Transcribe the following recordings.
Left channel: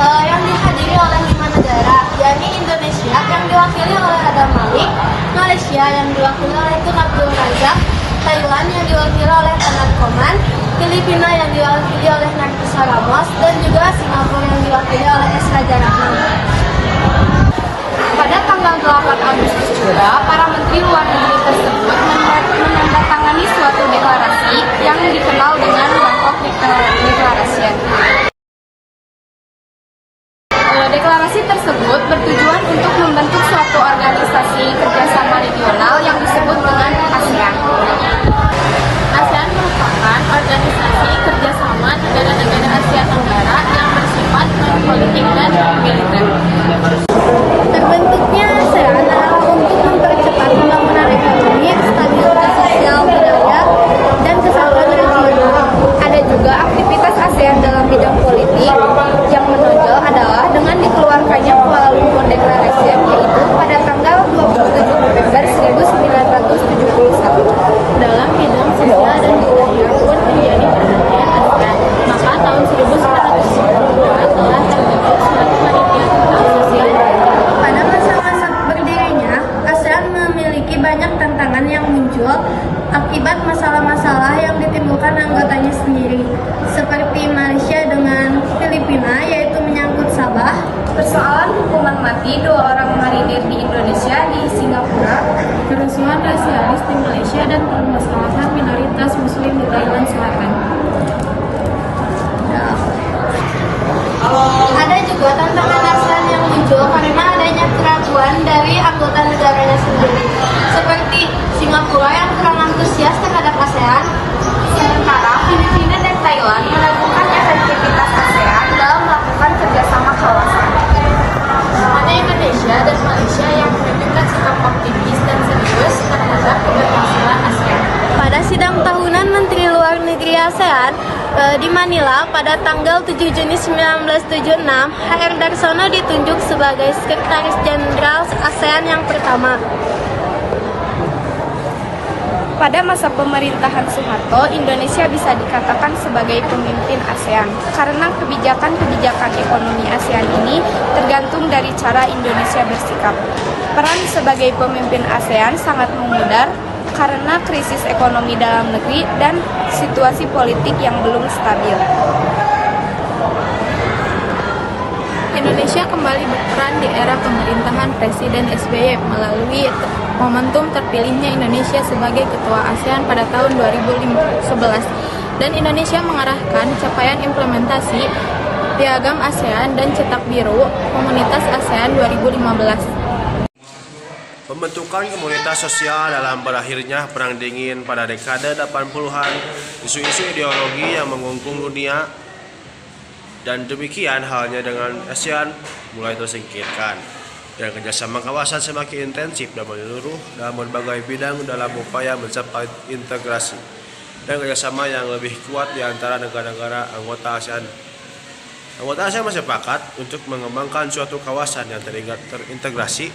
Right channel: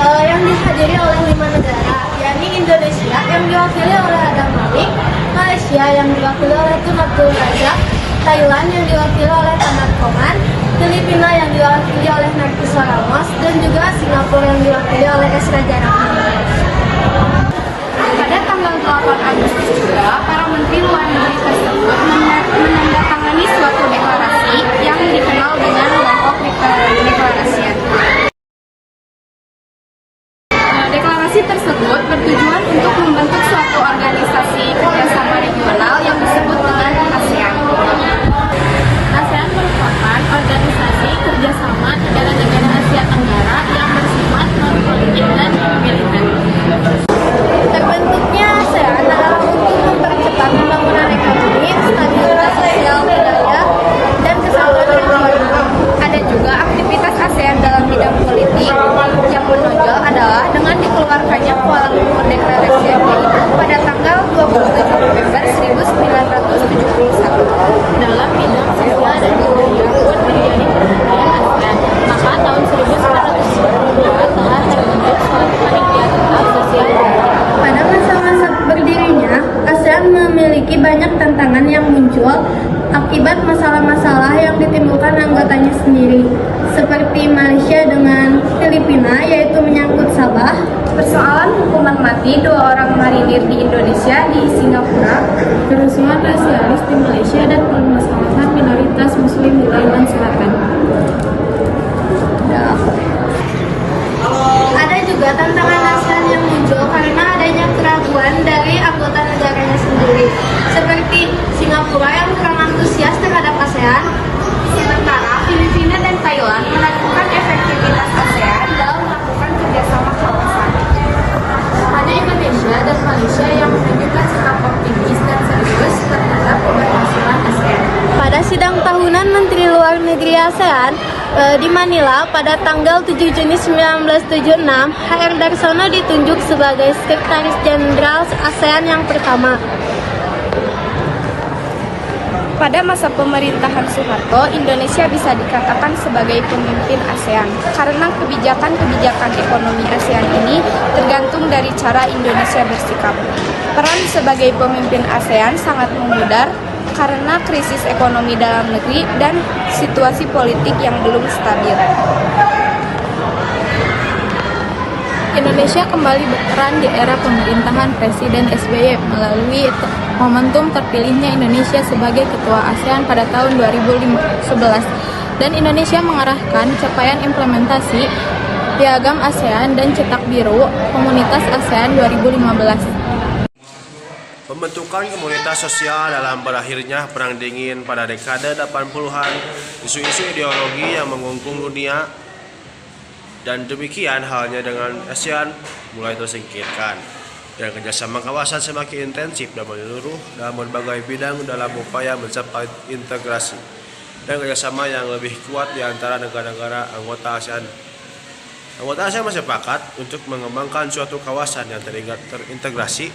Yang dihadiri oleh 5 negara, yakni Indonesia yang diwakili oleh Adam Malik, Malaysia yang diwakili oleh Tun Abdul Razak, Thailand yang diwakili oleh Taman Koman, Filipina yang diwakili oleh Narkisa Ramos, dan juga Singapura yang diwakili oleh S. Raja Rahman. Pada tanggal 8 Agustus juga, para menteri luar negeri tersebut menandatangani suatu deklarasi yang dikenal dengan Bangkok Declaration. Deklarasi tersebut bertujuan untuk membentuk suatu organisasi kerjasama regional yang disebut dengan ASEAN. ASEAN merupakan organisasi kerjasama negara-negara Asia Tenggara yang bersifat non-politik dan militer. Terbentuknya ASEAN adalah untuk mempercepat pembangunan ekonomi, stabilitas sosial budaya, dan kesatuan regional. Ada juga aktivitas ASEAN dalam bidang politik. Yang menonjol adalah dengan dikeluarkannya Kuala Lumpur Declaration, yaitu pada tanggal 27 November 1971. Dalam bidang sosial dan budaya pun terjadi perkembangan ASEAN. Maka tahun 1992 telah terbentuk suatu panitia tetap sosial budaya. Pada masa-masa berdirinya, ASEAN memiliki banyak tantangan yang muncul akibat masalah-masalah yang ditimbulkan anggotanya sendiri, seperti Malaysia dengan Filipina, yaitu menyangkut Sabah, Persoalan hukuman mati 2 orang marinir di Indonesia di Singapura, kerusuhan rasialis di Malaysia, dan permasalahan minoritas Muslim di Thailand Selatan. Ada juga tantangan ASEAN yang muncul karena adanya keraguan dari anggota negaranya sendiri, seperti Singapura yang kurang antusias terhadap ASEAN, sementara Filipina dan Thailand melakukan efektivitas ASEAN dalam melakukan kerjasama kawasan. Hanya Indonesia dan Malaysia yang menunjukkan sikap optimis dan serius terhadap keberhasilan ASEAN. Pada sidang tahunan Menteri Luar Negeri ASEAN di Manila pada tanggal 7 Juni 1976, HR Darsono ditunjuk sebagai Sekretaris Jenderal ASEAN yang pertama. Pada masa pemerintahan Soeharto, Indonesia bisa dikatakan sebagai pemimpin ASEAN karena kebijakan-kebijakan ekonomi ASEAN ini tergantung dari cara Indonesia bersikap. Peran sebagai pemimpin ASEAN sangat memudar karena krisis ekonomi dalam negeri dan situasi politik yang belum stabil. Indonesia kembali berperan di era pemerintahan Presiden SBY melalui momentum terpilihnya Indonesia sebagai Ketua ASEAN pada tahun 2011 dan Indonesia mengarahkan capaian implementasi Piagam ASEAN dan Cetak Biru Komunitas ASEAN 2015. Pembentukan komunitas sosial dalam berakhirnya Perang Dingin pada dekade 80-an, isu-isu ideologi yang mengungkung dunia, dan demikian halnya dengan ASEAN mulai tersingkirkan. Dan kerjasama kawasan semakin intensif dan menyeluruh dalam berbagai bidang dalam upaya mencapai integrasi dan kerjasama yang lebih kuat di antara negara-negara anggota ASEAN. Anggota ASEAN bersepakat untuk mengembangkan suatu kawasan yang terintegrasi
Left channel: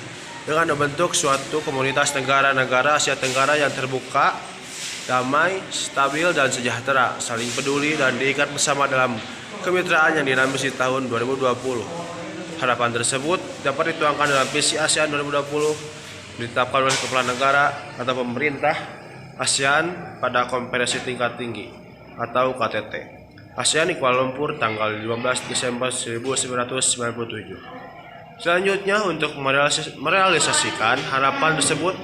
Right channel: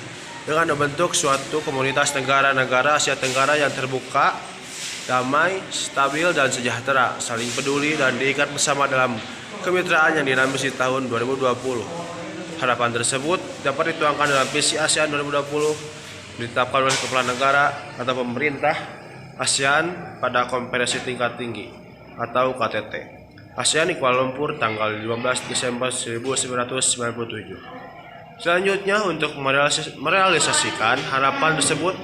dengan membentuk suatu komunitas negara-negara Asia Tenggara yang terbuka, damai, stabil, dan sejahtera, saling peduli dan diikat bersama dalam kemitraan yang dinamis di tahun 2020. Harapan tersebut dapat dituangkan dalam visi ASEAN 2020 ditetapkan oleh kepala negara atau pemerintah ASEAN pada konferensi tingkat tinggi atau KTT ASEAN di Kuala Lumpur tanggal 15 Desember 1997. Selanjutnya, untuk merealisasikan harapan tersebut,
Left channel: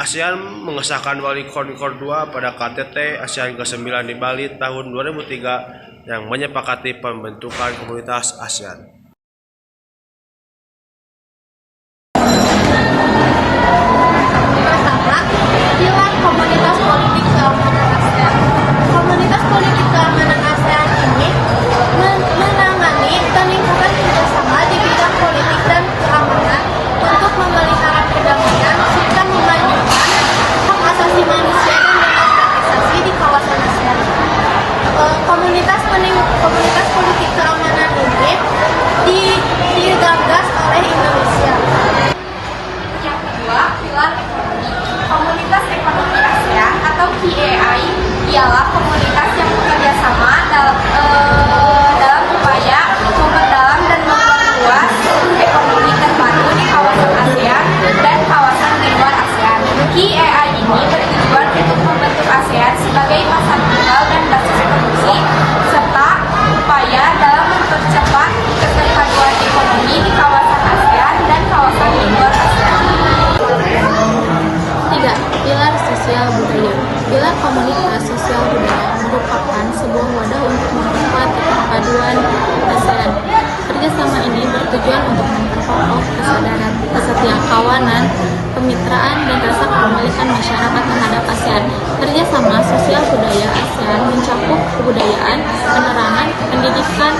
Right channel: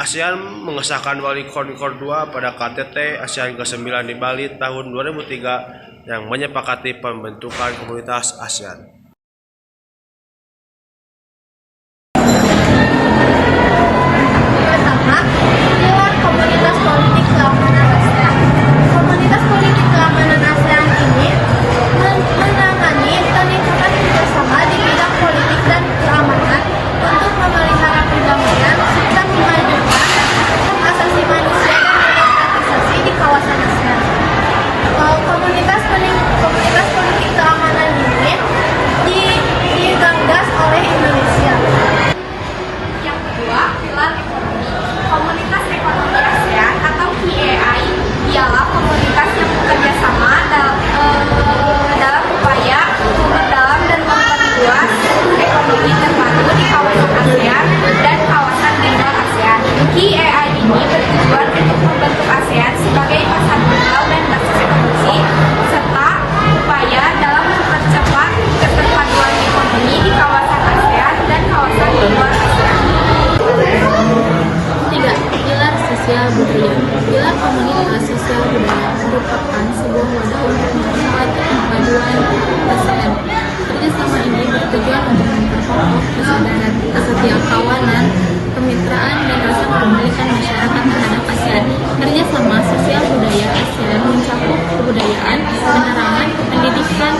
ASEAN mengesahkan Bali Concord 2 pada KTT ASEAN ke-9 di Bali tahun 2003 yang menyepakati pembentukan komunitas ASEAN. Pertama, pilar komunitas politik keamanan ASEAN. Komunitas politik keamanan ASEAN Komunitas Ekonomi ASEAN atau KEAI ialah komunitas yang bekerja sama dalam upaya memperdalam dan memperluas ekonomi terpadu di kawasan ASEAN dan kawasan di luar ASEAN. KEAI ini bertujuan untuk membentuk ASEAN sebagai pasar modal dan basis produksi, serta upaya dalam mempercepat keterpaduan ekonomi di kawasan ASEAN dan kawasan di luar ASEAN. 3. Pilar sosial budaya. Pilar komunitas sosial budaya merupakan sebuah wadah untuk memperkuat perpaduan ASEAN. Kerjasama ini bertujuan untuk memperkokoh kesadaran, kesetiakawanan, kemitraan, dan rasa kepemilikan masyarakat terhadap ASEAN. Kerjasama sosial budaya ASEAN mencakup kebudayaan, penerangan, pendidikan,